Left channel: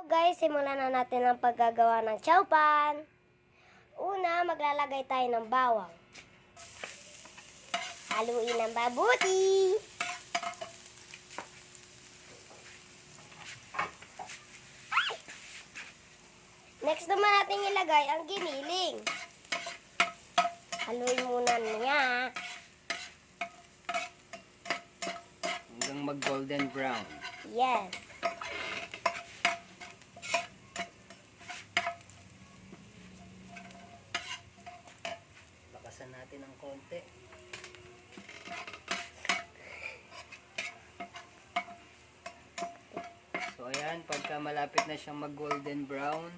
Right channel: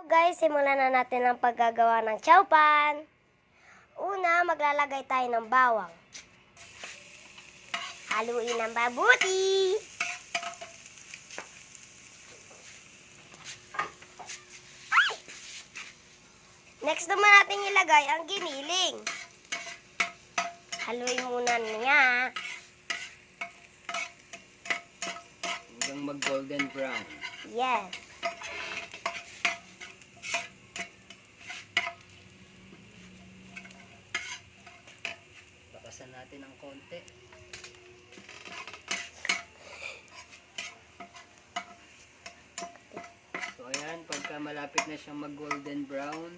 So guys, simulan na natin ang paggagawa ng chowpan. Una, maglalagay tayo ng bawang. Haluin ng mabuti. Next naman natin ilagay ang giniling. Haluin muna niya. Hanggang mag-golden brown. Yes. Bakasan natin ng konti. So ayan, pagka malapit na siyang mag-golden brown,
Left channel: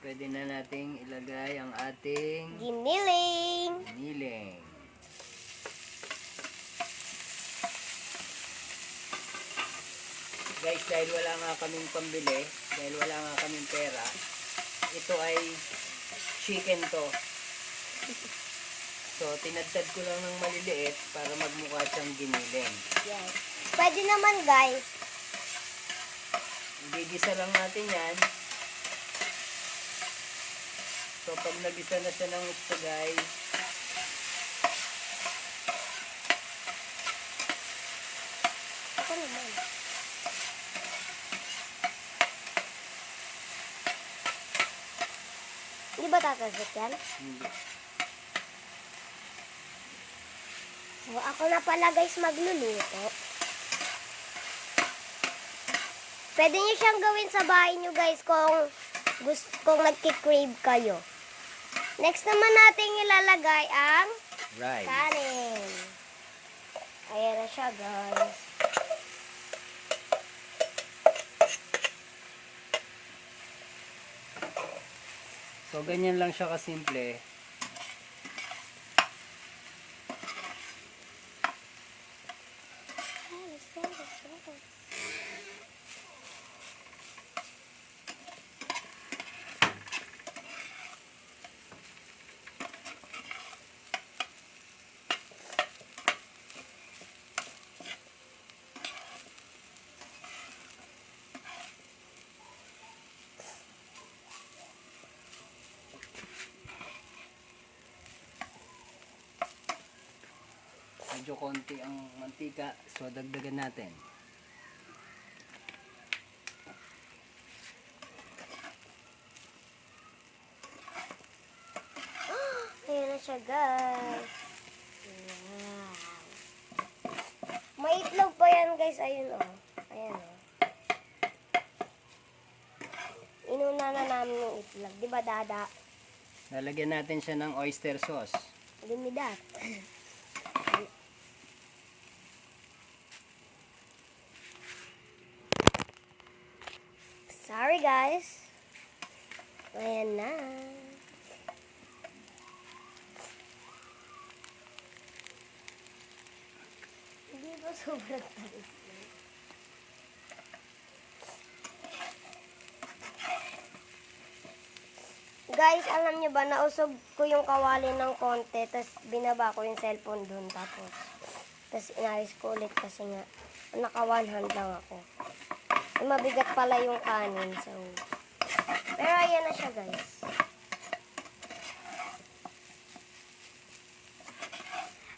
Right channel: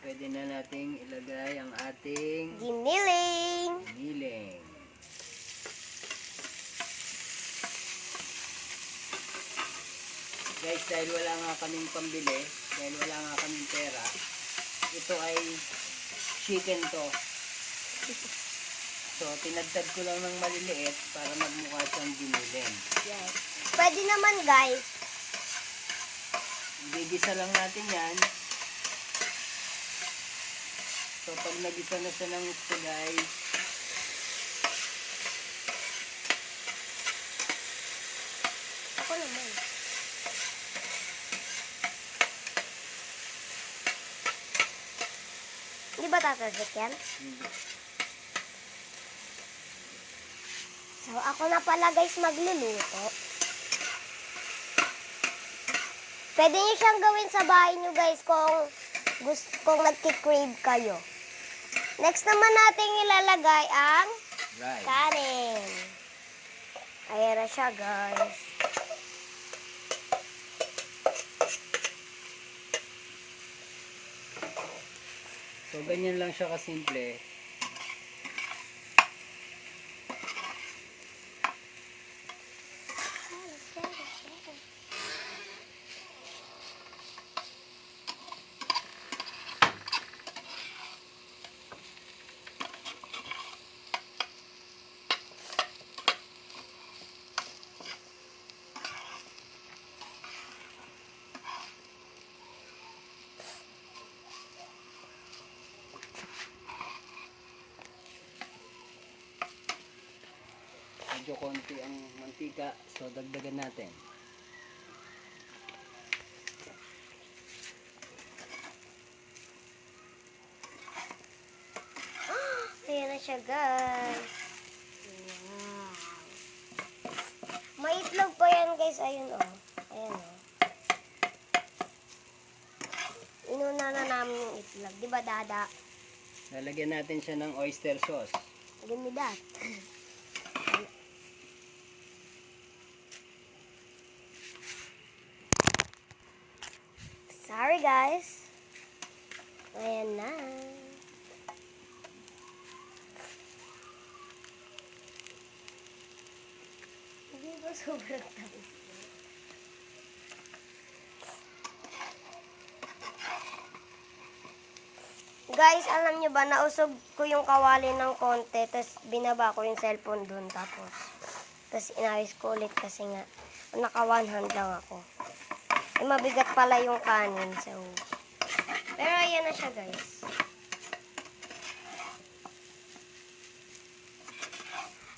pwede na nating ilagay ang ating Giniling. giniling. Guys, dahil wala nga kaming pambili, dahil wala nga kaming pera, ito ay chicken to. So, tinadtad ko lang ng maliliit para magmukha siyang giniling. Yes. Pwede naman guys. Gigisa lang natin yan. So, pag nagisa na siya ng gusto guys, Ako naman. Hindi ba tatasik yan? So, ako na pala guys magluluto. Pwede nyo siyang gawin sa bahay nyo guys kung nagki-crave kayo. Next naman natin ilalagay ang right. kanin. Ayan na siya guys. So, ganyan lang siya kasimple. Medyo konti ang mantika, so dagdagan natin. Ayan na siya guys. Wow. May itlog pa yan guys. Ayun o. Ayan o. Inuna na namin yung itlog. Diba dada? Lalagyan natin siya ng oyster sauce. Give me that. Sorry guys. Ayan na. Hindi ba sobrang tamis na? Guys, alam nyo ba, nausog ko yung kawali ng konti, tapos binaba ko yung cellphone dun, tapos inayos ko ulit kasi nga, naka one hand lang ako. Eh, mabigat pala yung kanin, so, pero ayan na siya guys.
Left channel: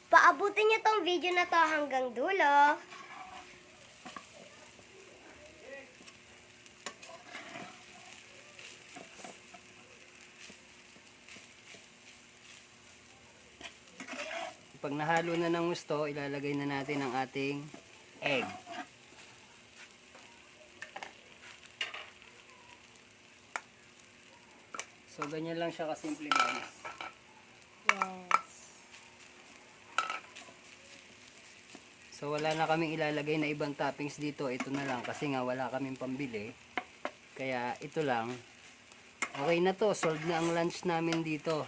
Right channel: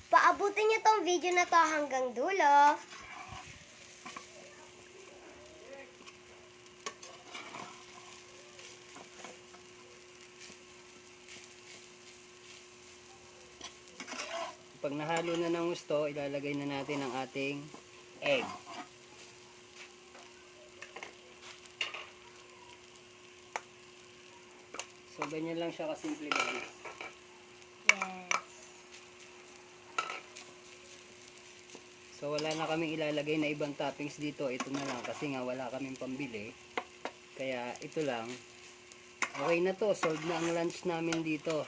Paabutin nyo tong video na to hanggang dulo. Pag nahalo na ng gusto, ilalagay na natin ang ating egg. So, ganyan lang siya kasimple guys. Yes. So, wala na kaming ilalagay na ibang toppings dito. Ito na lang kasi nga wala kaming pambili. Kaya, ito lang. Okay na to. Solved na ang lunch namin dito.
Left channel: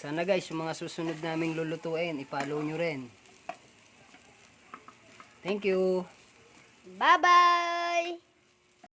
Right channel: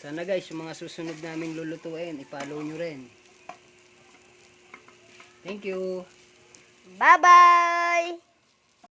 Sana guys, yung mga susunod naming lulutuin, i-follow nyo rin. Thank you! Bye-bye!